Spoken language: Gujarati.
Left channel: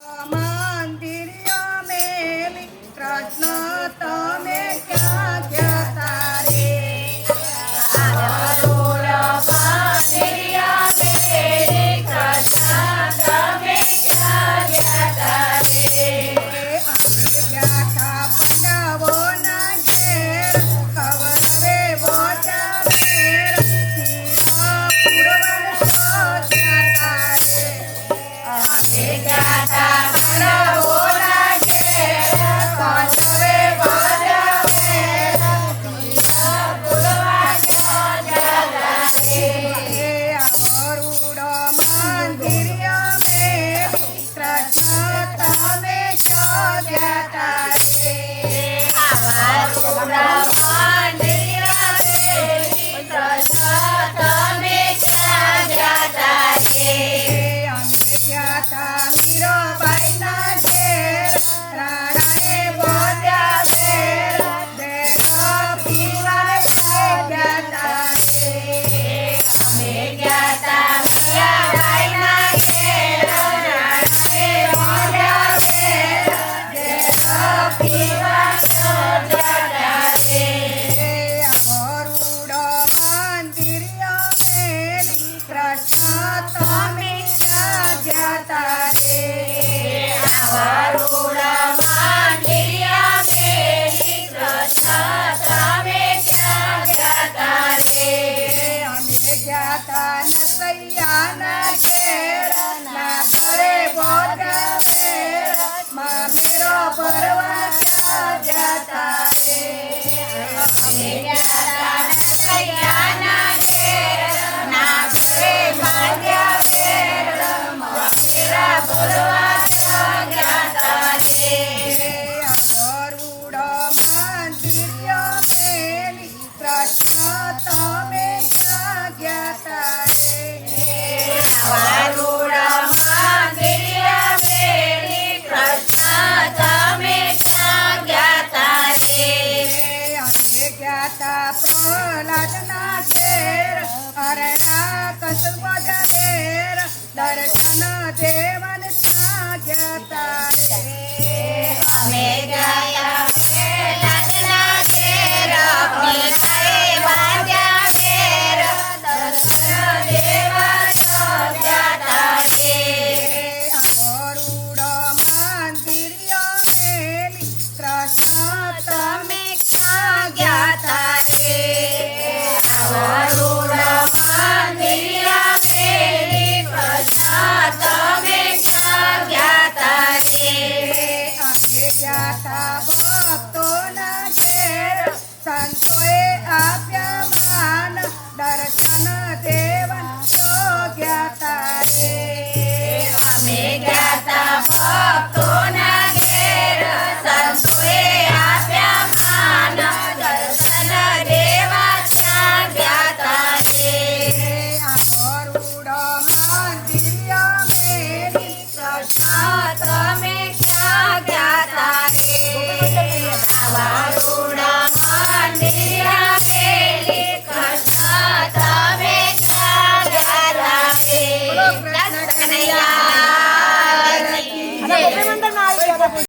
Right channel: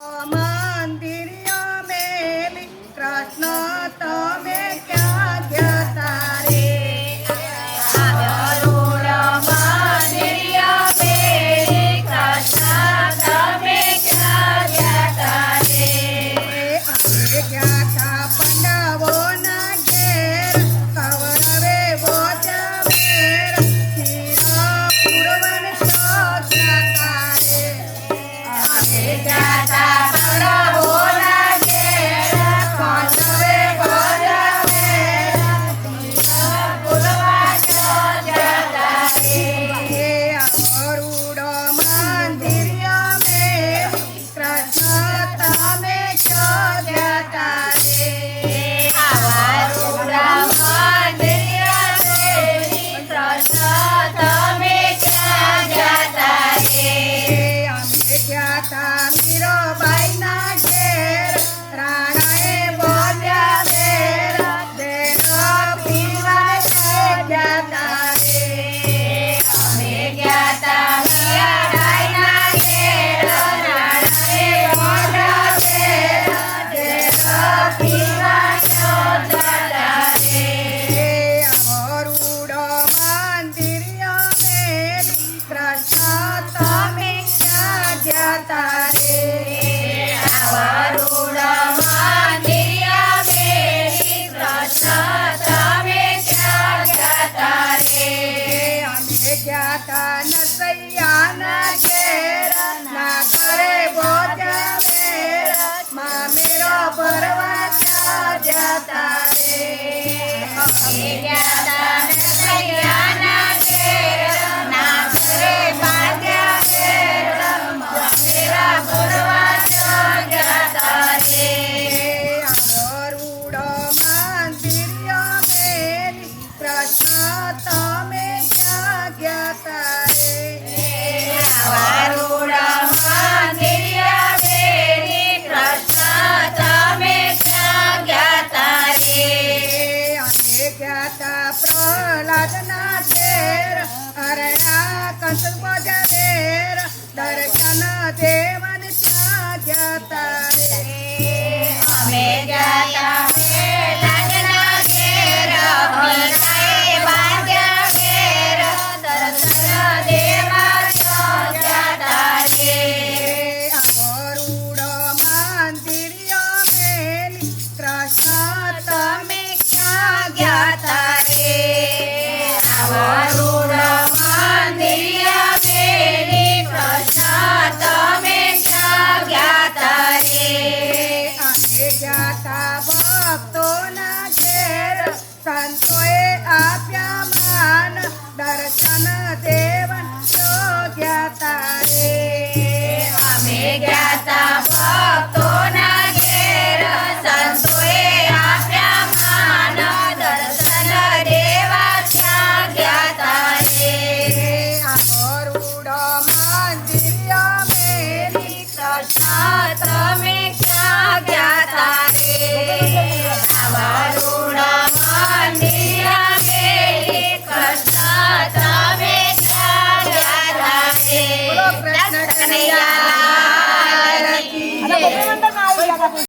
મંદિરિયા મેલી કૃષ્ણ તમે ક્યાં જતા રે? મંદિરિયા મેલી કૃષ્ણ તમે ક્યાં જતા રે? અમે ગયા તા પાંડવોના ઘેર, કૌરવે બોજાવેર, શિરા પૂરવન જતા રે. અમે ગયા તા પાંડવોના ઘેર, કૌરવે બોજાવેર, શિરા પૂરવન જતા રે. અવરુડો મંદિરિયા મેલી કૃષ્ણ તમે ક્યાં જતા રે? અવરુડા મંદિરિયા મેલી કૃષ્ણ તમે ક્યાં જતા રે? અમે ગયા તા મીરાબાઈના ઘેર, રાણાએ બોજાવેર, દેહ પીવા જતા રે. અમે ગયા તા મીરાબાઈના ઘેર, રાણાએ બોજાવેર, દેહ પીવા જતા રે. અવરુડો મંદિરિયા મેલી કૃષ્ણ તમે ક્યાં જતા રે? અવરુડો મંદિરિયા મેલી કૃષ્ણ તમે ક્યાં જતા રે? અમે ગયા તા નરસૈયાના ઘેર, ના કરે બોજાવેર, મામેરો ભરવા ક્યાં જતા રે? અમે ગયા તા નરસૈયાના ઘેર, ના કરે બોજાવેર, મામેરા ભરવા ક્યાં જતા રે? અવરુડો મંદિરિયા મેલી કૃષ્ણ તમે ક્યાં જતા રે? અવરુડો મંદિરિયા મેલી કૃષ્ણ તમે ક્યાં જતા રે? અમે ગયા તા પ્રહલાદના ઘેર, હરણા કંસ બોજાવેર, દર્શન દેવન ક્યાં જતા રે? અમે ગયા પ્રહલાદના ઘેર, પિતાએ બાંધ્યાવેર, દર્શન દેવન જતા રે. અવરુડો મંદિરિયા મેલી કૃષ્ણ તમે ક્યાં જતા રે? અવરુડો મંદિરિયા મેલી કૃષ્ણ તમે ક્યાં જતા રે? અમે ગયા તા ભક્તોના ઘેર, સંતોએ આપ્યા માન, દર્શન દેવન જતા